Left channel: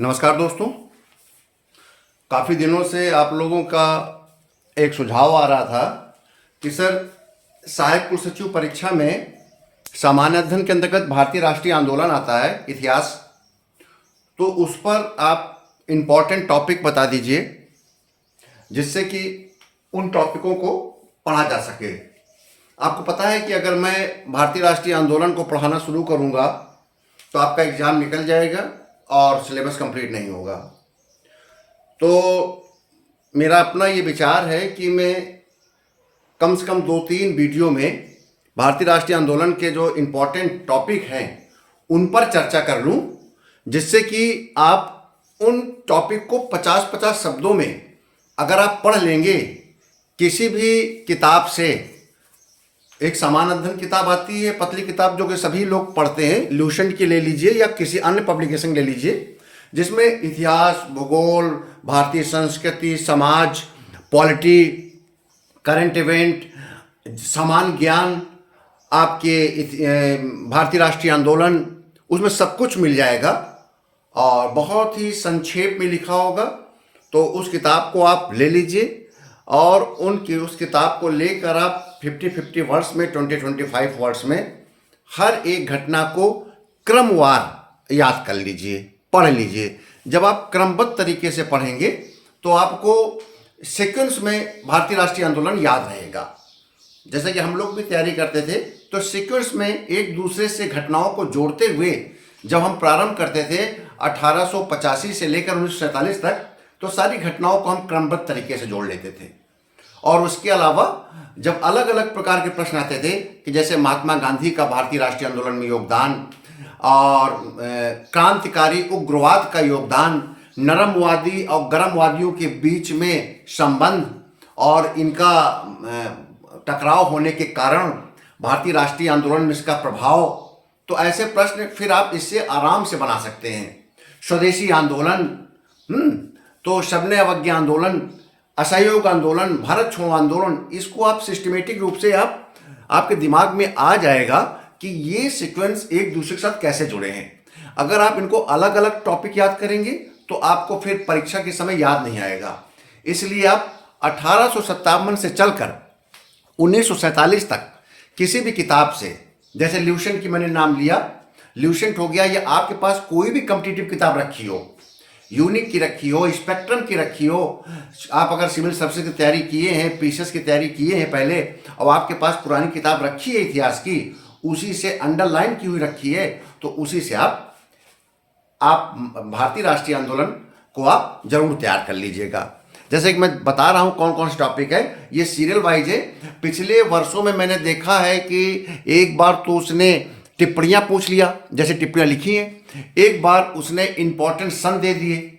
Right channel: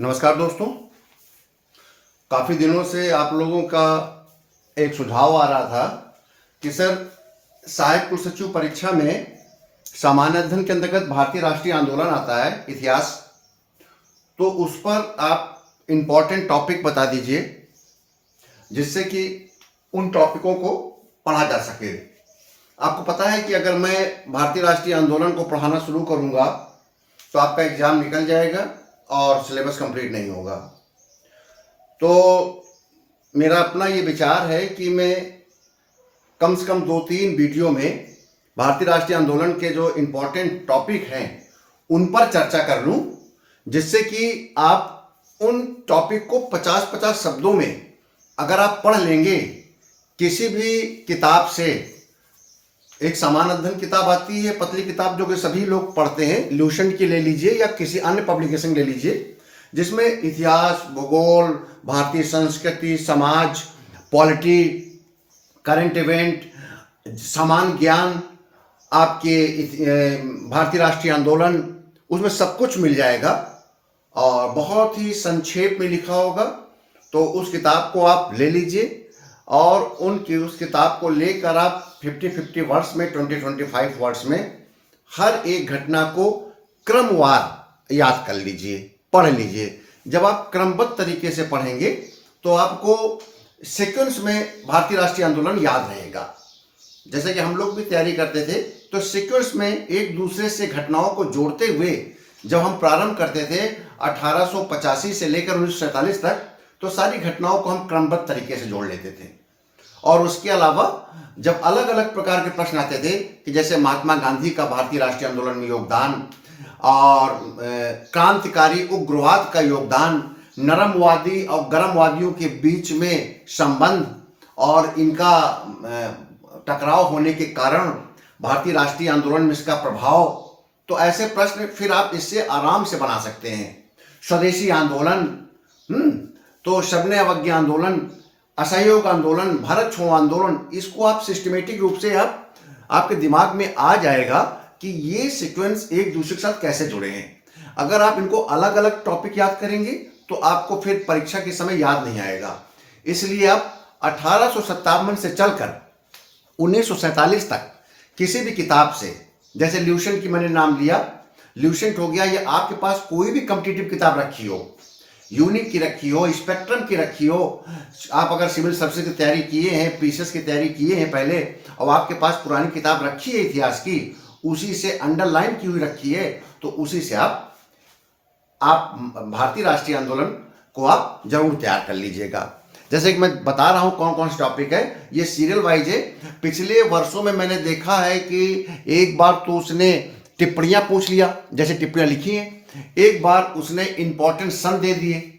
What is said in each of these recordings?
नमस्कार दोस्तों। काफ़ी दिनों से आप लोगों का एक सुझाव आ रहा था कि सर, सहायक कुल सचिव परीक्षा में सामान्य अध्ययन के अंतर्गत भारतीय राष्ट्रीय आंदोलन आता है, इतिहास। तो उस पर आप इम्पोर्टेंट टॉपिक बता दीजिए जिससे कि उन टॉपिकों को पढ़ा जा सके। आपको पता है कि अगर मैं भारतीय राष्ट्रीय आंदोलन को पढ़ाना शुरू करूंगा तो आपका एग्ज़ाम निकल जाएगा और सिलेबस कंप्लीट नहीं होगा। तो मेरा अपना ये विचार है कि मैं कम से कम 2-3 वीडियो में भारतीय राष्ट्रीय आंदोलन के जो इम्पोर्टेंट टॉपिक हैं उन पर चर्चा कर लूं, जिससे कि आप उन टॉपिक को 50-50 शब्दों में अगर आप पढ़ लेंगे किसी भी किताब से। एक सामान्य अध्ययन किताब आती है, पतली किताब, जो कि सभी लोग पढ़ते हैं, ल्यूसेंट की ले लीजिए या किसी अन्य पब्लिकेशन ले लीजिए, जिसमें इतिहास, भूगोल, भारतीय संस्कृति, समाज, पॉलिटी, करंट इवेंट, सामान्य ज्ञान, आपके भारतीय राष्ट्रीय आंदोलन, उसमें सब कुछ मिल जाएगा और बहुत ही संक्षेप में लिखा होगा। तो उस किताब को आप ले लीजिए और उस किताब को लेकर आप 50-50 वर्ड्स में, 20-25 वर्ड्स में हर एक घटना को क्रमवार याद कर लीजिए, पढ़ लीजिए। जब आप क्रमबद्ध तरीके से पढ़ेंगे तो आपको सीक्वेंस में भारतीय राष्ट्रीय आंदोलन याद रहेगा। जैसे कि हम लोग भी तैयारी करते थे तो सीक्वेंस में एक दूसरे से घटनाओं को जोड़ते हुए जब हम प्रारंभ करते थे 1885 से लेकर 1947 तक, तो सारी घटनाओं को हम क्रमबद्ध तरीके से जोड़ लेते थे। और उसके अलावा जब अलग अलग प्रकार के प्रश्न आते थे कि जैसे महात्मा गांधी का भारतीय राष्ट्रीय आंदोलन में योगदान और क्रांतिकारी उग्रवाद का योगदान, नरमवादी और गर्मवादियों के बीच में संबंध और इनका टकराव होने के कारण भारतीय राष्ट्रीय आंदोलन में इसका प्रभाव, तो ऐसे प्रश्न फिर आप इससे आराम से बना सकते हैं। स्वदेशी आंदोलन, तो शबने अवज्ञा आंदोलन, असहयोग आंदोलन, भारत छोड़ो आंदोलन, इसको आप सिस्टमेटिक रूप से आपके दिमाग में आ जाएगा कि ये सीक्वेंस एक दूसरे के साथ कैसे जुड़े हैं। अगर आप इनको अलग अलग टॉपिक याद करेंगे तो आपको फिर परीक्षा के समय याद नहीं आएगा। इसलिए आप 1857 से चलकर 1947 तक किसी भी किताब से, जैसे ल्यूसेंट की मैंने नाम लिया, ल्यूसेंट हो गया, या आपके पास कोई भी कॉम्पिटिटिव किताब रखी हो, यूनिक की रखी हो, स्पेक्ट्रम की रखी हो, आप अगर सिविल सर्विसेज की तैयारी किए हैं, पीसीएस की तैयारी किए हैं पहले, और आपके पास पुरानी किताब रखी है इतिहास की, उसी से अंडरलाइन की हुई रखी है, तो उसी से आप भारतीय राष्ट्रीय आंदोलन को आप जरूर तैयार कर लीजिएगा। जैसे कि मैं बता रहा हूँ कौन कौन से टॉपिक है, ये सीरियल वाइज है। पिछले वर्षों में मैंने देखा है कि एक बार तो उसने टिप्पणियाँ पूछ लिया, जैसे टिप्पणियाँ लिखी हैं, एक बार उसने इंपॉर्टेंट सन दे दिए,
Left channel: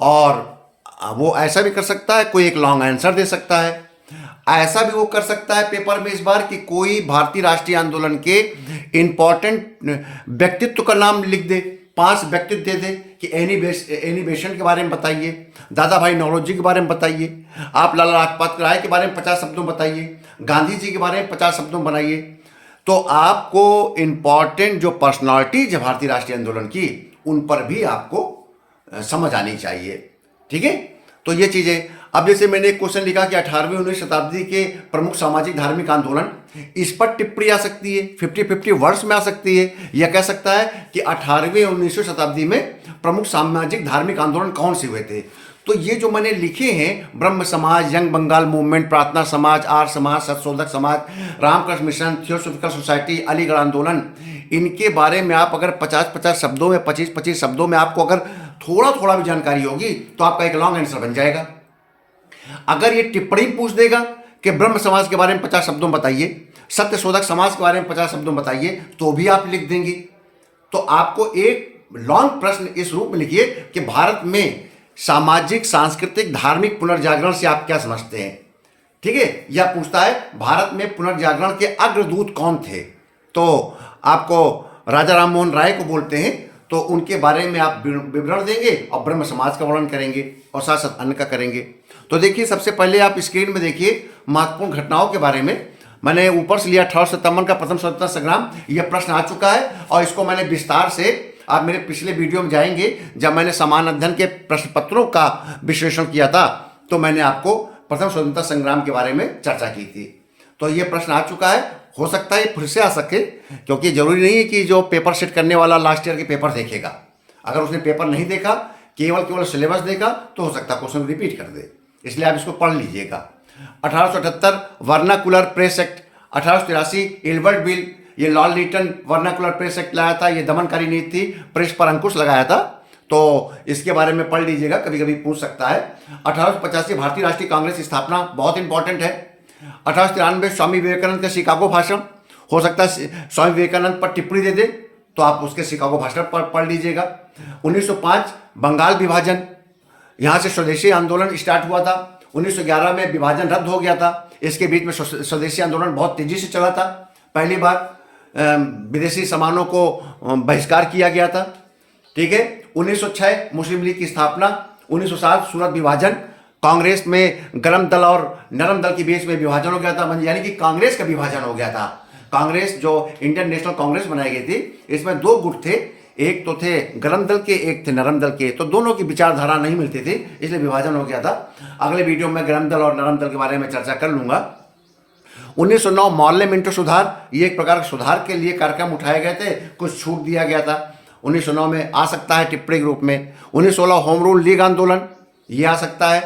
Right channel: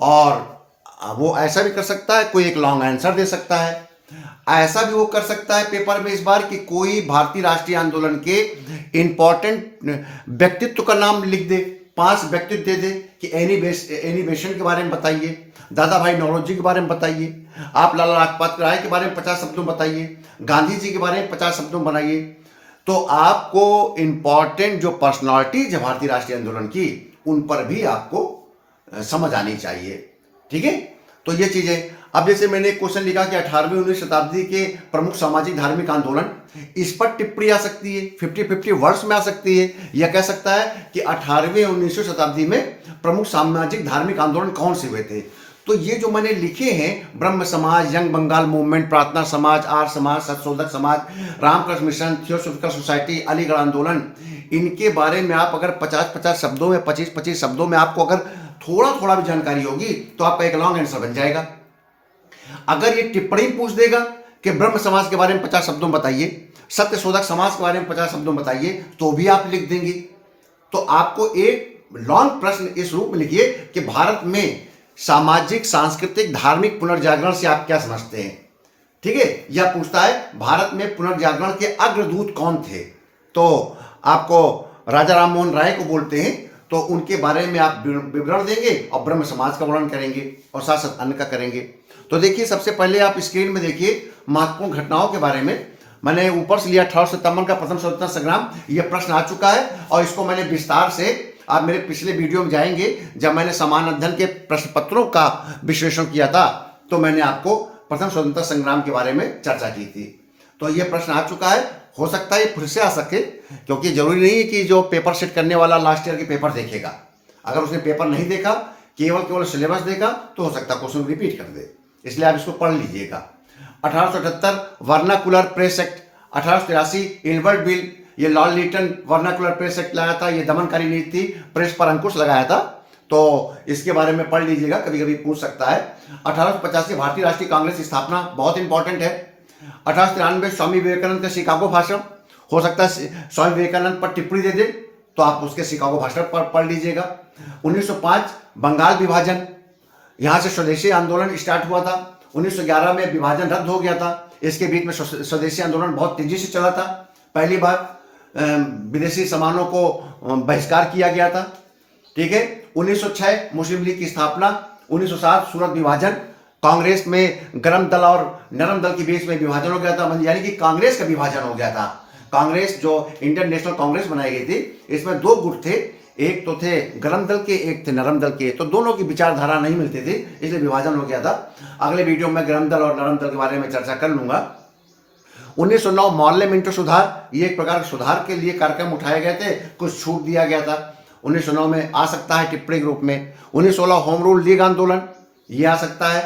और वो ऐसा भी कर सकता है, कोई एक लॉन्ग आंसर दे सकता है। ऐसा भी वो कर सकता है पेपर में इस बार कि कोई भारतीय राष्ट्रीय आंदोलन के इंपॉर्टेंट व्यक्तित्व का नाम लिख दे, 5 व्यक्तित्व दे दे कि एनी बेसेंट के बारे में बताइए, दादा भाई नौरोजी के बारे में बताइए, आप लाला लाजपत राय के बारे में 50 शब्दों बताइए, गांधी जी के बारे में 50 शब्दों बनाइए। तो आपको इम्पॉर्टेंट जो पर्सनालिटीज है भारतीय राष्ट्रीय आंदोलन की, उन पर भी आपको समझ आनी चाहिए। ठीक है, तो ये चीज़ें। अब जैसे मैंने एक क्वेश्चन लिखा कि 18वीं-19वीं शताब्दी के प्रमुख सामाजिक धार्मिक आंदोलन, इस पर टिप्पणी आ सकती है, 50-50 वर्ड्स में आ सकती है, या कह सकता है कि 18वीं और 19वीं शताब्दी में प्रमुख सामाजिक धार्मिक आंदोलन कौन से हुए थे। तो ये जो मैंने लिखे हैं, ब्रह्म समाज, यंग बंगाल मूवमेंट, प्रार्थना समाज, आर्य Samaj, Satyashodhak Samaj, Ramakrishna Mission, Theosophical Society, Aligarh आंदोलन, इनके बारे में आप अगर 50-50 शब्दों में, 25-25 शब्दों में आपको अगर थोड़ा थोड़ा भी जानकारी होगी तो आपका एक लॉन्ग आंसर बन जाएगा। अगर ये टिप्पणी पूछ देगा कि ब्रह्म समाज के बारे में 50 शब्दों में बताइए, सत्यशोधक समाज के बारे में 50 शब्दों में बताइए, तो भी आप लिख देंगे। तो आपको एक लॉन्ग प्रश्न इस रूप में लिखिए कि भारत में सामाजिक, सांस्कृतिक, धार्मिक पुनर्जागरण से आप क्या समझते हैं। ठीक है, यह पूछता है भारत में पुनर्जागरण के अग्रदूत कौन थे, तो आपको राजा राम मोहन राय को बोलते हैं, तो उनके बारे में आप विवरण देंगे और ब्रह्म समाज का वर्णन करेंगे और साथ साथ अन्य का करेंगे। तो देखिए, सबसे पहले आप स्क्रीन में देखिए महत्वपूर्ण घटनाओं के बारे में। मैंने ऊपर से लिया 1857 का प्रथम स्वतंत्रता संग्राम, यह प्रश्न आ चुका है और इसको मैंने विस्तार से आप मेरे पिछले वीडियो में जाएंगे, जब मैंने समान अध्ययन के प्रश्न पत्रों का विश्लेषण किया था तो मैंने आपको प्रथम स्वतंत्रता संग्राम के बारे में चर्चा की थी। तो ये प्रश्न आ चुका है, हो सकता है फिर से आ सके, क्योंकि जरूरी नहीं है कि जो पेपर सेट करने वाला लास्ट ईयर के पेपर देखेगा। अगर उसने पेपर नहीं देखा, केवल सिलेबस देखा, तो हो सकता है क्वेश्चन रिपीट कर दे, इसलिए आप इसको पढ़ लीजिएगा। 1878 vernacular press act, 1883 Ilbert bill, ये Lord Lytton vernacular press act लाया था, ये दमनकारी नीति थी, प्रेस पर अंकुश लगाया था, तो इसके बारे में पढ़ लीजिएगा, कभी कभी पूछ सकता है। 1885 भारतीय राष्ट्रीय कांग्रेस की स्थापना, बहुत इंपॉर्टेंट है। 1893 स्वामी विवेकानंद का शिकागो भाषण, हो सकता है स्वामी विवेकानंद पर टिप्पणी दे दे, तो आप उसके शिकागो भाषण पर पढ़ लीजिएगा। 1905 बंगाल विभाजन, यहाँ से स्वदेशी आंदोलन स्टार्ट हुआ था। 1911 में विभाजन रद्द हो गया था, इसके बीच में स्वदेशी आंदोलन बहुत तेजी से चला था। पहली बार विदेशी सामानों को बहिष्कार किया गया था, ठीक है। 1906 मुस्लिम लीग की स्थापना। 1907 सूरत विभाजन, कांग्रेस में गर्म दल और नरम दल के बीच में विभाजन हो गया था, यानी कि कांग्रेस का विभाजन हो गया था। कांग्रेस जो इंडियन नेशनल कांग्रेस बनाई गई थी, इसमें दो गुट थे, एक तो थे गर्म दल के, एक थे नरम दल के, तो दोनों की विचारधारा नहीं मिलती थी, इसलिए विभाजन हो गया था। अगले वीडियो में गर्म दल और नरम दल के बारे में चर्चा कर लूंगा। 1909 मोहल्ले मिंटो सुधार, ये एक प्रकार सुधार के लिए कार्यक्रम उठाए गए थे, कुछ छूट दिया गया था। 1909 में आ सकता है टिप्पणी के रूप में। 1916 होम रूल लीग आंदोलन, ये आ सकता है,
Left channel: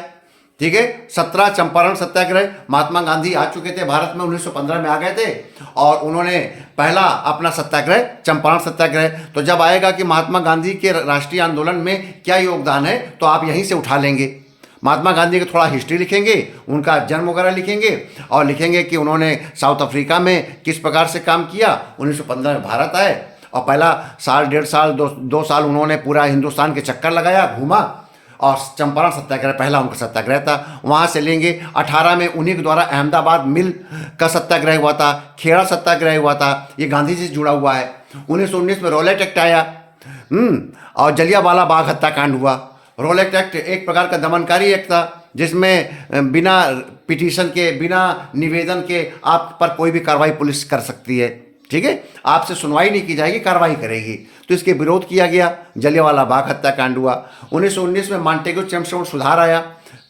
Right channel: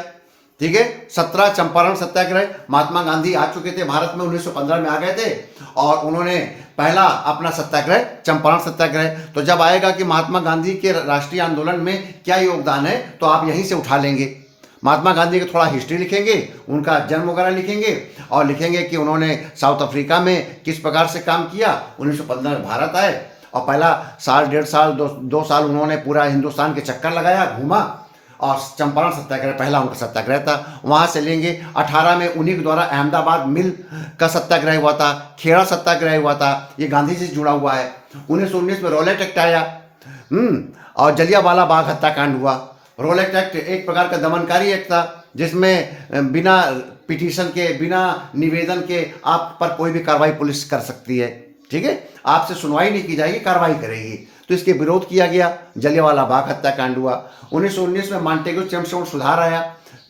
ठीक है। 17 चंपारण सत्याग्रह, महात्मा गांधी आ चुके थे भारत में, 1915 में आ गए थे और उन्होंने पहला अपना सत्याग्रह चंपारण सत्याग्रह। तो जब आएगा कि महात्मा गांधी के राष्ट्रीय आंदोलन में क्या योगदान है, तो आप यहीं से उठा लेंगे। महात्मा गांधी की थोड़ा हिस्ट्री लिखेंगे, उनका जन्म वगैरह लिखेंगे और लिखेंगे कि उन्होंने साउथ अफ्रीका में किस प्रकार से काम किया, 1915 में भारत आए और पहला साल, 1.5 साल, 2 साल उन्होंने पूरा हिंदुस्तान के चक्कर लगाया, घूमा, और चंपारण सत्याग्रह पहला उनका सत्याग्रह था, वहाँ से लेंगे। 18 में उन्हीं के द्वारा अहमदाबाद मिल का सत्याग्रह हुआ था, खेड़ा सत्याग्रह हुआ था, ये गांधी जी से जुड़ा हुआ है। 1919 में रॉलेट एक्ट आया, और जलियांवाला बाग हत्याकांड हुआ। रॉलेट एक्ट एक प्रकार का दमनकारी एक्ट था, जिसमें बिना पिटीशन के, बिना निवेदन के आप पर कोई भी कार्रवाई पुलिस कर सकती है, ठीक है। आपसे सुनवाई नहीं की जाएगी, कार्रवाई करेगी, तो इसके विरोध किया गया, जलियांवाला बाग हत्याकांड हुआ। 1919 में मॉन्टेग्यू चैम्पशिप सुधार आया,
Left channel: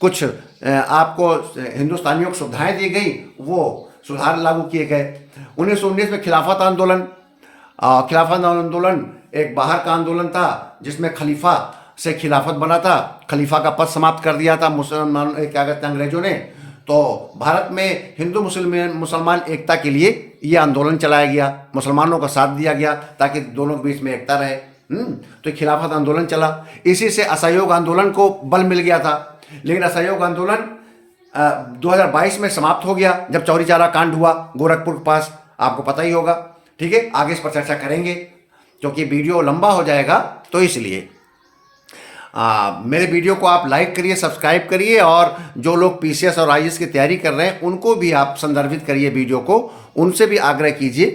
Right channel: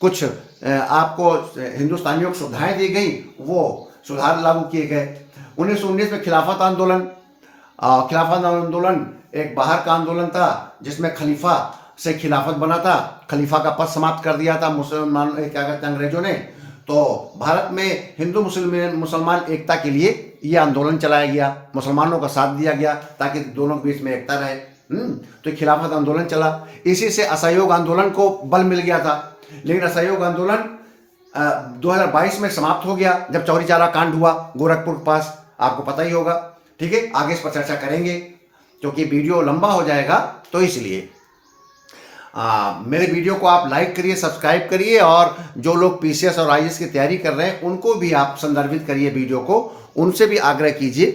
कुछ आपको हिंदुस्तानियों को सुविधाएं दी गई, वो सुधार लागू किए गए। 1919 में खिलाफत आंदोलन, खिलाफत आंदोलन एक बाहर का आंदोलन था, जिसमें खलीफा से खिलाफत बना था, खलीफा का पद समाप्त कर दिया था मुसलमान, क्या कहते हैं, अंग्रेजों ने। तो भारत में हिंदू मुसलमान एकता के लिए ये आंदोलन चलाया गया, मुसलमानों का साथ दिया गया ताकि दोनों के बीच में एकता रहे। तो खिलाफत आंदोलन चला। इसी से असहयोग आंदोलन को बल मिल गया था, लेकिन असहयोग आंदोलन 2022 में समाप्त हो गया, जब चौरी चौरा कांड हुआ गोरखपुर के पास, आपको पता ही होगा, ठीक है। आगे इस पर चर्चा करेंगे, क्योंकि वीडियो लंबा हो जाएगा, तो इसलिए मेरे वीडियो को आप लाइक करिए, सब्सक्राइब करिए, और जो लोग पीसीएस और आईएएस की तैयारी कर रहे हैं उनको भी आप संदर्भित करिए वीडियो को, उनसे भी आग्रह कीजिए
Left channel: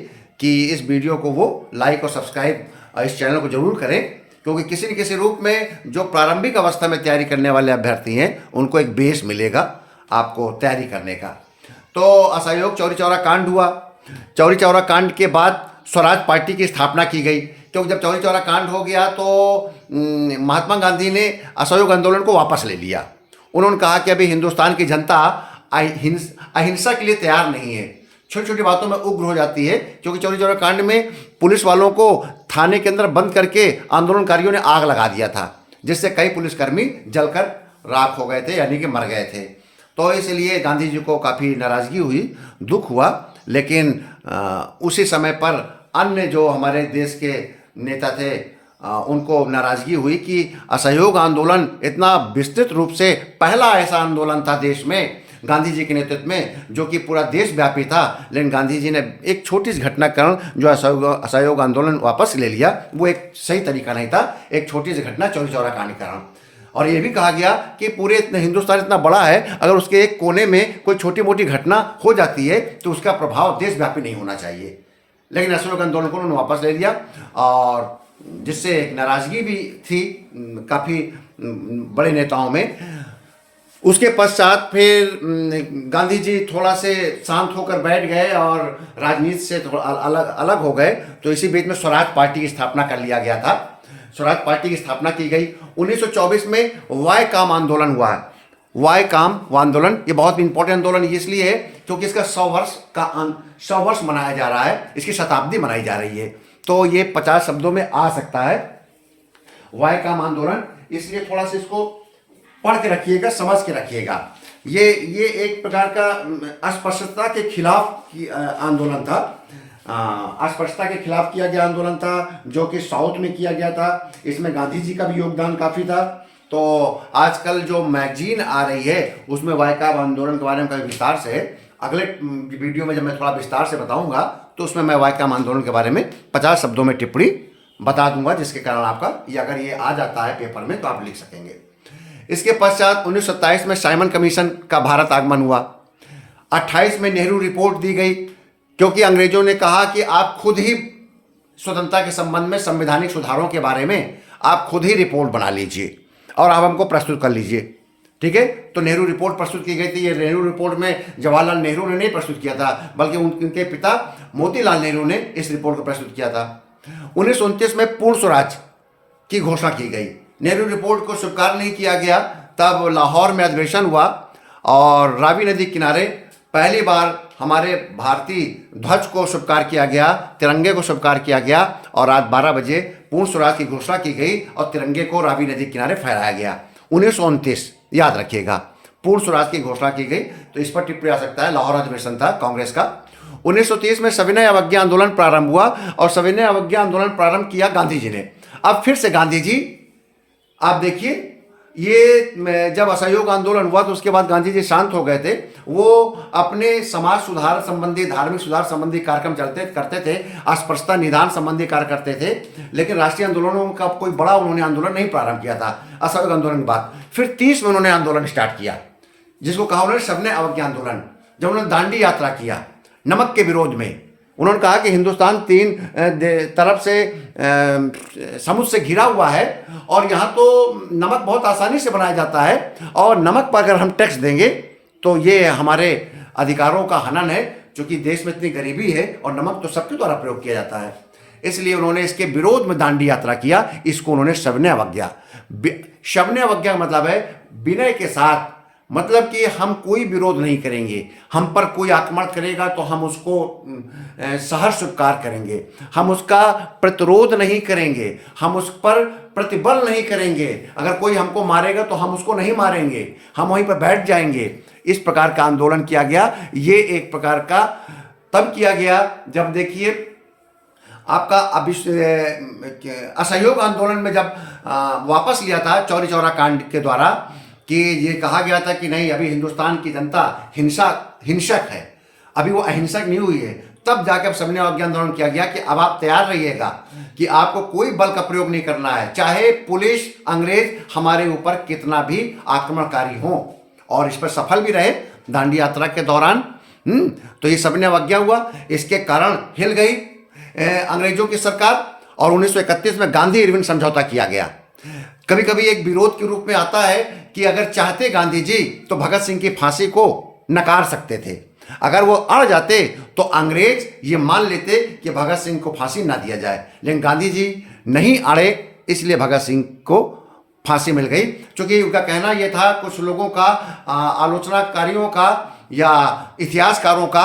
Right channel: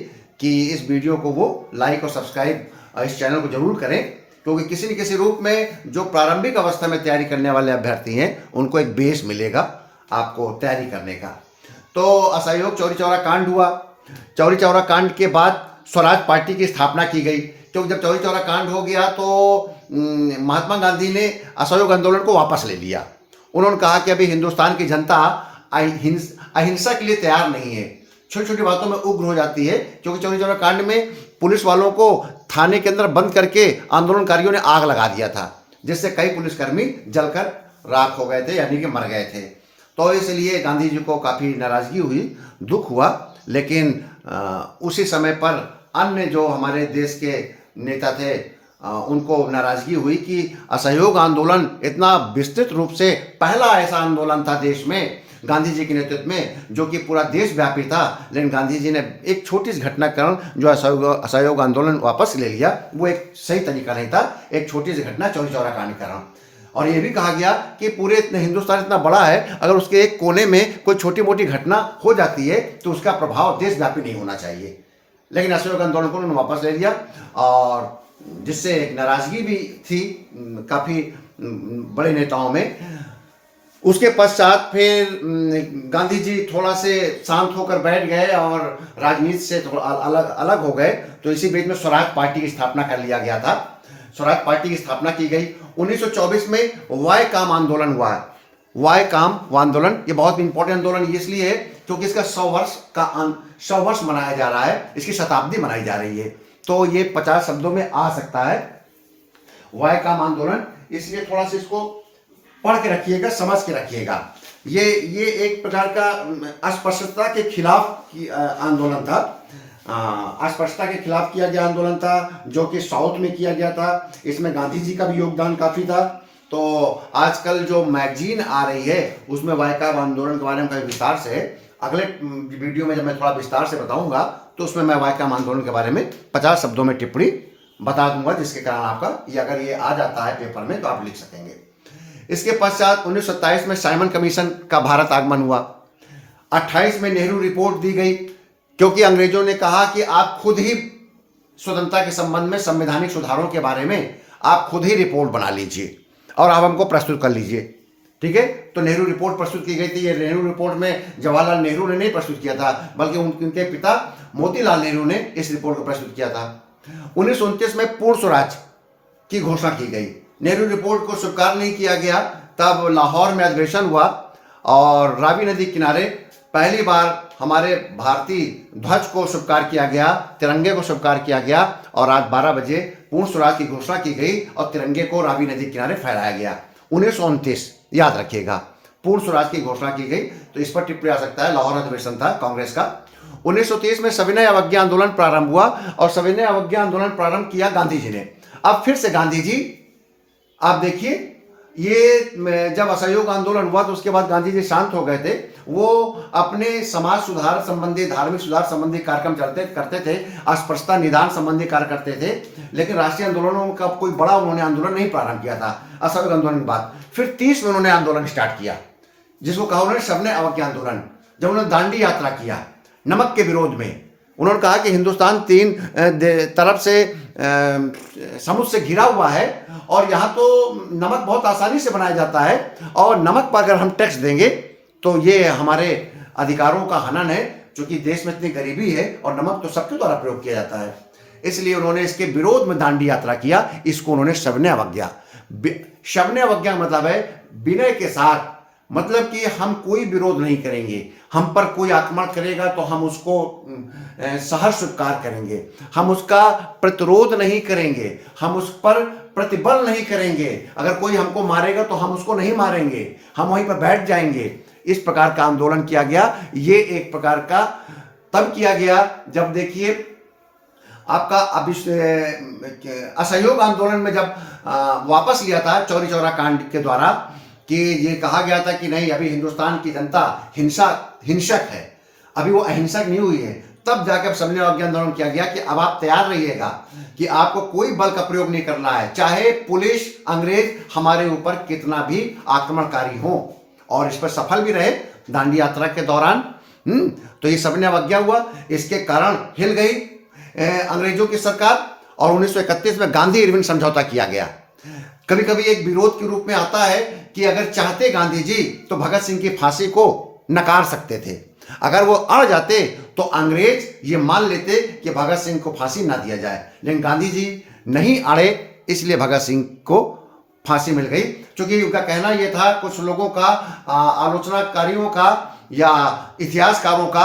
कि इस वीडियो को वो लाइक और सब्सक्राइब इस चैनल को जरूर करें, क्योंकि किसी न किसी रूप में जो प्रारंभिक अवस्था में तैयारी करने वाले अभ्यर्थी हैं उनको एक बेस मिलेगा आपको तैयारी करने का। तो असहयोग चौरी चौरा कांड हुआ, चौरी चौरा कांड के बाद स्वराज पार्टी की स्थापना की गई। तो जब चौरी चौरा कांड हो गया तो महात्मा गांधी ने असहयोग आंदोलन को वापस ले लिया। उन्होंने कहा कि अभी हिंदुस्तान की जनता अहिंसा के लिए तैयार नहीं है, छोटी छोटी बातों में उग्र हो जाती है, क्योंकि चौरी चौरा कांड में पुलिस वालों को थाने के अंदर बंद करके आंदोलनकारियों ने आग लगा दिया था, जिससे कई पुलिसकर्मी जलकर राख हो गए थे, यानी कि मर गए थे। तो इसलिए गांधी जी को काफ़ी नाराज़गी हुई, दुख हुआ, लेकिन उसी समय पर अन्य जो हमारे देश के नेता थे उनको नाराज़गी हुई कि असहयोग आंदोलन इतना विस्तृत रूप से पहला ऐसा आंदोलन था देश में गांधी जी के नेतृत्व में जो कि पूरा देशव्यापी था, लेकिन गांधी जी ने एक छोटी सी घटना के कारण जो असहयोग आंदोलन वापस ले लिया, वो एक सही तरीका नहीं था। एक छोटी सी घटना चौरी चौरा कांड के कारण, और ये भी कहा गया कि पूरे हिंदुस्तान इतना बड़ा है, अगर उसके एक कोने में कोई छोटी मोटी घटना हो जाती है तो उसका प्रभाव देशव्यापी नहीं होना चाहिए। लेकिन असहयोग आंदोलन को उन्होंने वापस ले लिया, और जिससे एक नाराज़गी भी थी काफ़ी बड़े नेताओं में। उसके पश्चात फिर गांधी जी थोड़ा से शांत होकर बैठ गए और राजनीति से थोड़ा अलग हो गए। तो इसी बीच में स्वराज पार्टी की स्थापना कर लिया गया था। स्वराज पार्टी की स्थापना की गई। 1924 में वाय काम आंदोलन हुआ है। वाय काम आंदोलन ये बहुत इंपॉर्टेंट आंदोलन इसलिए है क्योंकि इसका 100 वर्ष मनाया जा रहा है, इसकी शताब्दी मनाई जा रही है। तो ये 50 शब्दों में आ सकता है वाय काम आंदोलन, इसलिए थोड़ा सा इसको पढ़ के रखिएगा, समझ के रखिएगा। ये एक प्रकार का अस्पृश्यता के खिलाफ आंदोलन था, अस्पृश्यता के खिलाफ किया गया आंदोलन था, जो कि साउथ में किया गया था। इसमें गांधी जी का भी योगदान काफ़ी था। तो आजकल जो मैगजीन आ रही है उसमें वाय काम आंदोलन के बारे में काफ़ी विस्तार से, अगले वीडियो में जब मैं थोड़ा विस्तार से बताऊंगा तो उसमें मैं वाय काम आंदोलन के बारे में 50 शब्दों में टिप्पणी बता दूंगा, जिसके कारण आपका ये अगर ये आ जाता है पेपर में तो आप लिख सकेंगे। इसके पश्चात 1927 में साइमन कमीशन का भारत आगमन हुआ। 28 में नेहरू रिपोर्ट दी गई, क्योंकि अंग्रेजों ने कहा कि आप खुद ही स्वतंत्रता के संबंध में संवैधानिक सुधारों के बारे में आप खुद ही रिपोर्ट बना लीजिए और आप हमको प्रस्तुत कर लीजिए। ठीक है, तो नेहरू रिपोर्ट प्रस्तुत की गई थी। ये नेहरू रिपोर्ट में जवाहरलाल नेहरू ने नहीं प्रस्तुत किया था, बल्कि उनके पिता मोतीलाल नेहरू ने इस रिपोर्ट को प्रस्तुत किया था। 1929 में पूर्ण स्वराज की घोषणा की गई। नेहरू रिपोर्ट को स्वीकार नहीं किया गया, तब लाहौर में अधिवेशन हुआ और रावी नदी किनारे पहली बार हमारे भारतीय ध्वज को स्वीकार किया गया, तिरंगे को स्वीकार किया गया और रात 12 बजे पूर्ण स्वराज की घोषणा की गई और तिरंगे को रावी नदी किनारे फहराया गया। 1929 याद रखिएगा, पूर्ण स्वराज की घोषणा की गई। तो इस पर टिप्पणी आ सकता है, लाहौर अधिवेशन था कांग्रेस का। 1930 में सविनय अवज्ञा आंदोलन प्रारंभ हुआ और सविनय अवज्ञा आंदोलन प्रारंभ किया गांधी जी ने। अब फिर से गांधी जी, आप देखिए, ये जब असहयोग आंदोलन हुआ तो उसके बाद गांधी जी शांत हो गए थे। वो अपने समाज सुधार संबंधी, धार्मिक सुधार संबंधी कार्यक्रम करते थे, अस्पृश्यता निदान संबंधी कार्य करते थे, लेकिन राष्ट्रीय आंदोलनों का कोई बड़ा उन्होंने आंदोलन नहीं प्रारंभ किया था असहयोग आंदोलन के बाद। फिर 30 में उन्होंने आंदोलन स्टार्ट किया, जिसको कहा उन्होंने सविनय अवज्ञा आंदोलन। जब उन्होंने दांडी यात्रा किया नमक के विरोध में, उन्होंने कहा कि हिंदुस्तान 3 तरफ से समुद्र से घिरा हुआ है और यहाँ तो नमक बहुत आसानी से बनाया जाता है और नमक पर अगर हम टैक्स देंगे तो ये हमारे अधिकारों का हनन है, क्योंकि देश में इतनी गरीबी है और नमक तो सबके द्वारा प्रयोग किया जाता है। इसलिए उन्होंने इसके विरोध में दांडी यात्रा किया। इसको उन्होंने सविनय अवज्ञा, सविनय अवज्ञा मतलब है विनय के साथ, मतलब कि हम कोई विरोध नहीं करेंगे, हम पर कोई आक्रमण करेगा तो हम उसको सहर्ष स्वीकार करेंगे, हम उसका प्रतिरोध नहीं करेंगे, हम उस पर प्रतिबल नहीं करेंगे। अगर कोई हमको मारेगा तो हम उसको नहीं मारेंगे, हम वहीं पर बैठ जाएंगे। इस प्रकार का आंदोलन किया गया। ये एक प्रकार का तब किया गया जब देखिए आपका असहयोग आंदोलन में जब वापस लिया था चौरी चौरा कांड के द्वारा, कि ये कहा गया था कि नहीं, अभी हिंदुस्तान की जनता हिंसक है, अभी वो अहिंसक नहीं हुई है। तब जाकर सविनय अवज्ञा आंदोलन किया गया कि अब आप तैयार रहिएगा कि आपको कोई बल का प्रयोग नहीं करना है, चाहे पुलिस अंग्रेज हमारे ऊपर कितना भी आक्रमणकारी हो। और इस पर सफल भी रहे दांडी यात्रा के दौरान। तो ये सविनय अवज्ञा हुआ, इसके कारण हिल गई अंग्रेजों की सरकार और 1931 में गांधी इरविन समझौता किया गया। कभी कभी एक विरोध के रूप में आता है कि अगर चाहते गांधी जी तो भगत सिंह की फांसी को नकार सकते थे, अगर वो अड़ जाते तो अंग्रेज ये मान लेते कि भगत सिंह को फांसी ना दिया जाए, लेकिन गांधी जी नहीं अड़े, इसलिए भगत सिंह को फांसी मिल गई। क्योंकि उनका कहना यह था, कुछ लोगों का, आलोचनाकारियों का या इतिहासकारों का,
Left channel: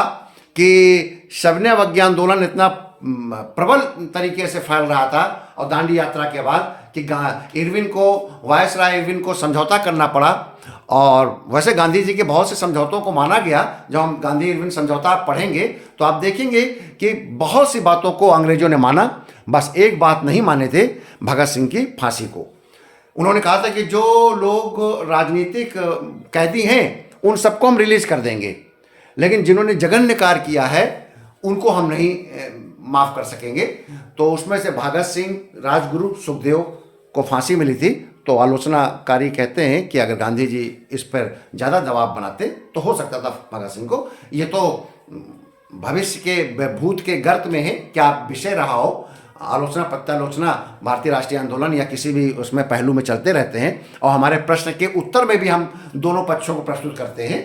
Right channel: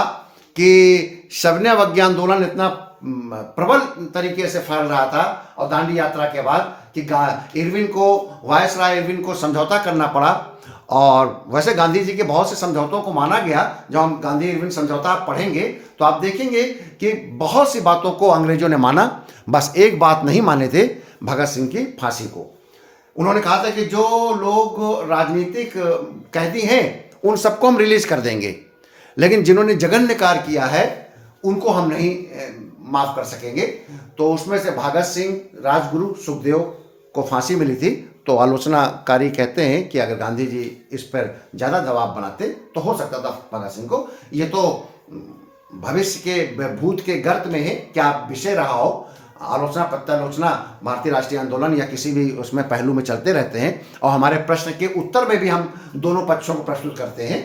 कि सविनय अवज्ञा आंदोलन इतना प्रबल तरीके से फैल रहा था और दांडी यात्रा के बाद कि इरविन को, वायसराय इरविन को समझौता करना पड़ा। और वैसे गांधी जी के बहुत से समझौतों को माना गया। जब हम गांधी इरविन समझौता पढ़ेंगे तो आप देखेंगे कि बहुत सी बातों को अंग्रेजों ने माना, बस एक बात नहीं माने थे, भगत सिंह की फांसी को। उन्होंने कहा था कि जो लोग राजनीतिक कैदी हैं उन सबको हम रिलीज कर देंगे, लेकिन जिन्होंने जघन्य कार्य किया है उनको हम नहीं माफ कर सकेंगे। तो उसमें से भगत सिंह, राजगुरु, सुखदेव को फांसी मिली थी। तो आलोचनाकारी कहते हैं कि अगर गांधी जी इस पर ज़्यादा दबाव बनाते तो हो सकता था भगत सिंह को। ये तो भविष्य के, भूत के गर्त में है, क्या विषय रहा हो, आलोचना प्रत्यालोचना भारतीय राष्ट्रीय आंदोलन या किसी भी उसमें पहलू में चलते रहते हैं। और हमारे प्रश्न के उत्तर में भी हम दोनों पक्षों को प्रस्तुत करते हैं,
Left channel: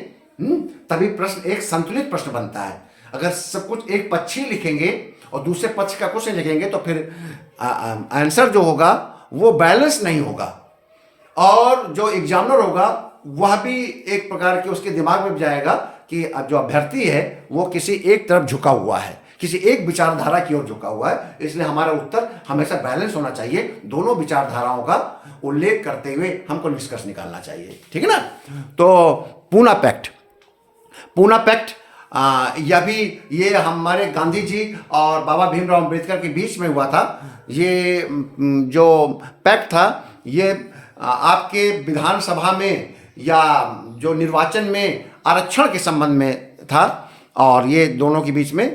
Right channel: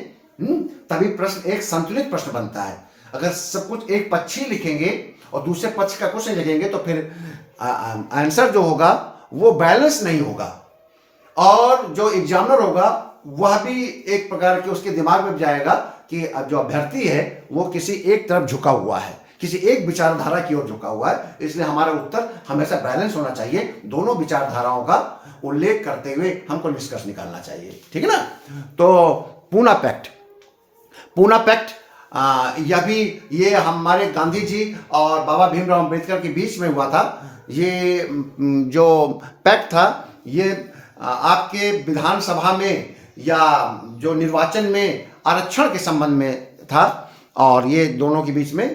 तभी प्रश्न एक संतुलित प्रश्न बनता है। अगर सब कुछ एक पक्ष ही लिखेंगे और दूसरे पक्ष का क्वेश्चन लिखेंगे तो फिर आंसर जो होगा वो बैलेंस नहीं होगा, और जो एग्जामिनर होगा वह भी एक प्रकार के उसके दिमाग में जाएगा कि जो अभ्यर्थी है वो किसी एक तरफ झुका हुआ है, किसी एक विचारधारा की ओर झुका हुआ है। इसलिए हमारा उत्तर हमेशा बैलेंस होना चाहिए, दोनों विचारधाराओं का उल्लेख करते हुए हमको निष्कर्ष निकालना चाहिए, ठीक है ना। तो पूना पैक्ट, पूना पैक्ट यह भी ये हमारे गांधी जी और बाबा भीमराव अंबेडकर के बीच में हुआ था। ये जो पैक्ट था ये आपके विधानसभा में या जो निर्वाचन में आरक्षण के संबंध में था, और ये दोनों के बीच में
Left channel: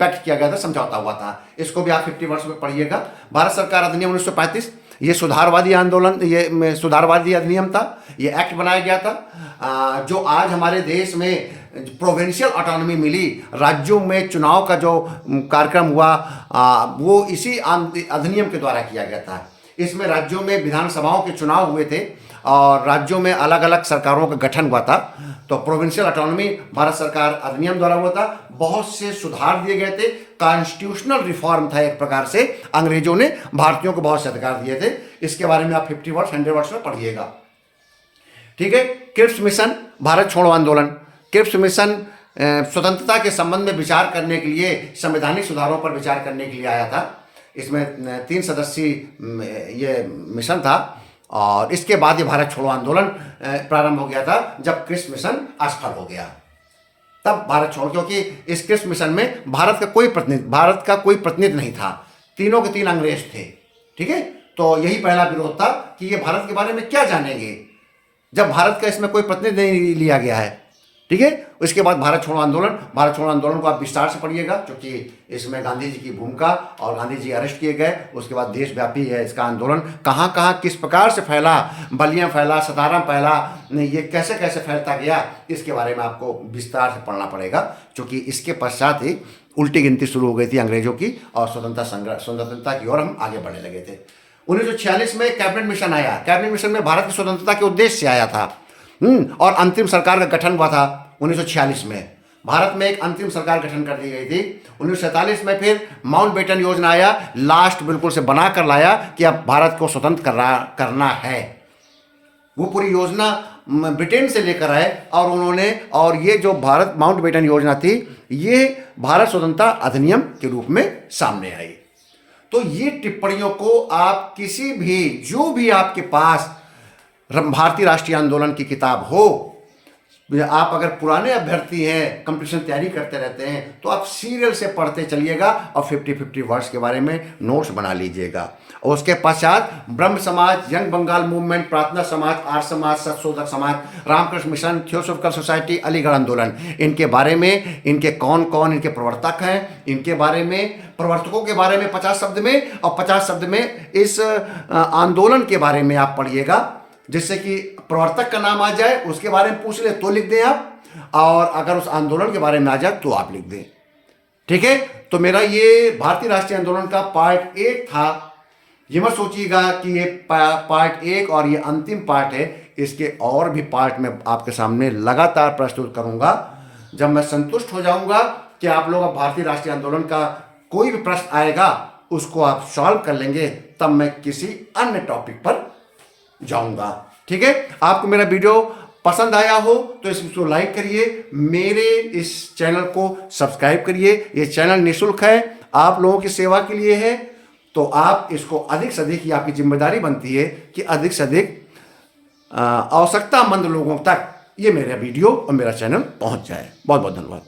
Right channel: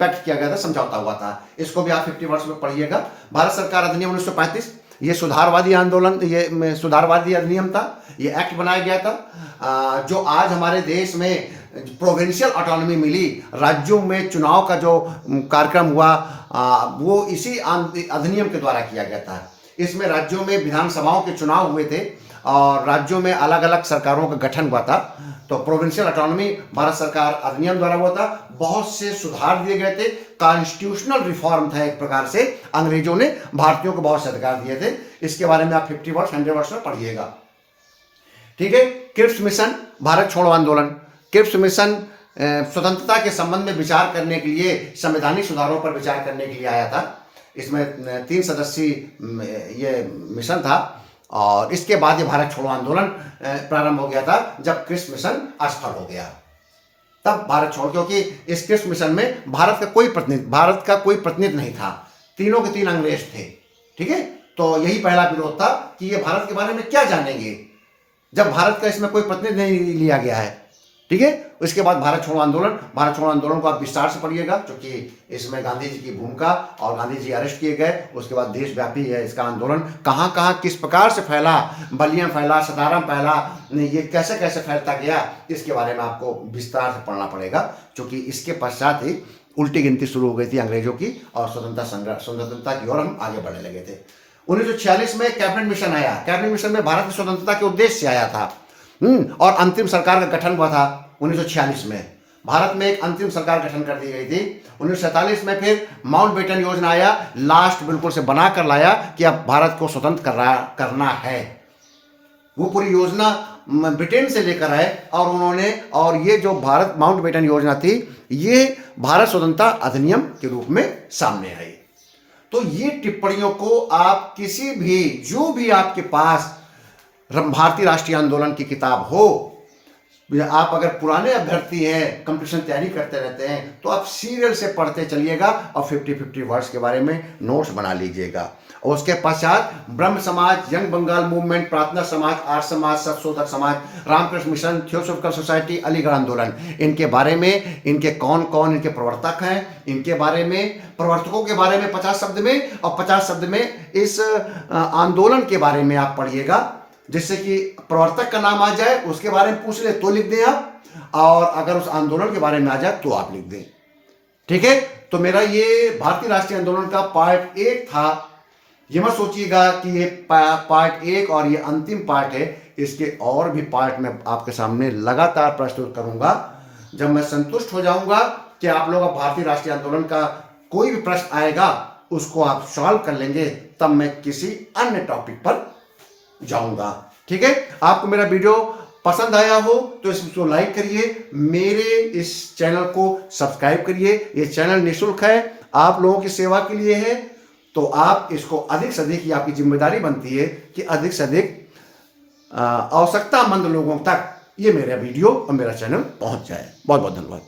पैक्ट किया गया था, समझौता हुआ था। इसको भी आप 50 वर्ष में पढ़िएगा। भारत सरकार अधिनियम 1935, ये सुधारवादी आंदोलन, ये सुधारवादी अधिनियम था, ये एक्ट बनाया गया था। जो आज हमारे देश में प्रोविंशियल ऑटोनॉमी मिली, राज्यों में चुनाव का जो कार्यक्रम हुआ वो इसी अधिनियम के द्वारा किया गया था। इसमें राज्यों में विधानसभाओं के चुनाव हुए थे और राज्यों में अलग अलग सरकारों का गठन हुआ था। तो प्रोविंशियल ऑटोनॉमी भारत सरकार अधिनियम द्वारा हुआ था। बहुत से सुधार दिए गए थे, कॉन्स्टिट्यूशनल रिफॉर्म था एक प्रकार से। अंग्रेजों ने भारतीयों को बहुत से अधिकार दिए थे। इसके बारे में आप 50 वर्ष 100 वर्ष में पढ़िएगा, ठीक है। क्रिप्स मिशन, भारत छोड़ो आंदोलन। क्रिप्स मिशन स्वतंत्रता के संबंध में विचार करने के लिए, संवैधानिक सुधारों पर विचार करने के लिए आया था। इसमें 3 सदस्यीय ये मिशन था, और इसके बाद ये भारत छोड़ो आंदोलन प्रारंभ हो गया था जब क्रिप्स मिशन असफल हो गया। तब भारत छोड़ो, क्योंकि इस क्रिप्स मिशन में भारत का कोई प्रतिनिधि नहीं था, तीनों के तीन अंग्रेज थे, ठीक है। तो यही पहला विरोध था कि ये भारत के बारे में क्या जानेंगे जब भारत का इसमें कोई प्रतिनिधि नहीं लिया गया है, ठीक है। उसके बाद भारत छोड़ो आंदोलन, भारत छोड़ो आंदोलन को आप विस्तार से पढ़िएगा, क्योंकि इसमें गांधी जी की भूमिका और गांधी जी अरेस्ट किए गए। उसके बाद देशव्यापी है इसका आंदोलन, कहाँ कहाँ किस प्रकार से फैला, बलिया फैला, सतारा फैला, ये कैसे कैसे फैलता गया, इसके बारे में आपको विस्तार से पढ़ना पड़ेगा। क्योंकि इसके पश्चात ही उल्टी गिनती शुरू हो गई थी अंग्रेजों की, और स्वतंत्रता की ओर हम आगे बढ़ने लगे थे। 1946 में कैबिनेट मिशन आया। कैबिनेट मिशन में भारत की स्वतंत्रता के उद्देश्य से आया था, और अंतिम सरकार का गठन हुआ था 1946 में। भारत में एक अंतिम सरकार गठन कर दी गई थी। 1947 में फिर माउंटबेटन योजना आया, लास्ट बिल्कुल से बना कर लाया कि अब भारत को स्वतंत्र करना है। वो पूरी योजना ब्रिटेन से लेकर आए और उन्होंने, और ये जो भारत माउंटबेटन योजना थी ये भारत स्वतंत्रता अधिनियम के रूप में सामने आई। तो ये टिप्पणियों को आप किसी भी, जो भी आपके पास भारतीय राष्ट्रीय आंदोलन की किताब हो, आप अगर पुराने अभ्यर्थी हैं, कंपटीशन तैयारी करते रहते हैं, तो आप सीरियल से पढ़ते चलिएगा और 50-50 वर्ड्स के बारे में नोट्स बना लीजिएगा। और उसके पश्चात ब्रह्म समाज, यंग बंगाल मूवमेंट, प्रार्थना समाज, आर्य Samaj, Satshodhak Samaj, Ramakrishna Mission, Theosophical Society, Aligarh आंदोलन, इनके बारे में, इनके कौन कौन इनके प्रवर्तक हैं, इनके बारे में, प्रवर्तकों के बारे में 50 शब्द में, और 50 शब्द में इस आंदोलन के बारे में आप पढ़िएगा, जिससे कि प्रवर्तक का नाम आ जाए, उसके बारे में पूछ ले तो लिख दें आप, और अगर उस आंदोलन के बारे में आ जाए तो आप लिख दें, ठीक है। तो मेरा ये भारतीय राष्ट्रीय आंदोलन का पार्ट 1 था। ये मत सोचिएगा कि ये पार्ट 1 और ये अंतिम पार्ट है, इसके और भी पार्ट मैं आपके सामने लगातार प्रस्तुत करूंगा। जब मैं संतुष्ट हो जाऊंगा कि आप लोग अब भारतीय राष्ट्रीय आंदोलन का कोई भी प्रश्न आएगा उसको आप सॉल्व कर लेंगे, तब मैं किसी अन्य टॉपिक पर जाऊंगा, ठीक है। आपको मेरा वीडियो पसंद आया हो तो इसको लाइक करिए, मेरे इस चैनल को सब्सक्राइब करिए। ये चैनल निःशुल्क है, आप लोगों की सेवा के लिए है, तो आप इसको अधिक से अधिक, ये आपकी जिम्मेदारी बनती है कि अधिक से अधिक आवश्यकतामंद लोगों तक ये मेरा वीडियो और मेरा चैनल पहुंच जाए। बहुत बहुत धन्यवाद।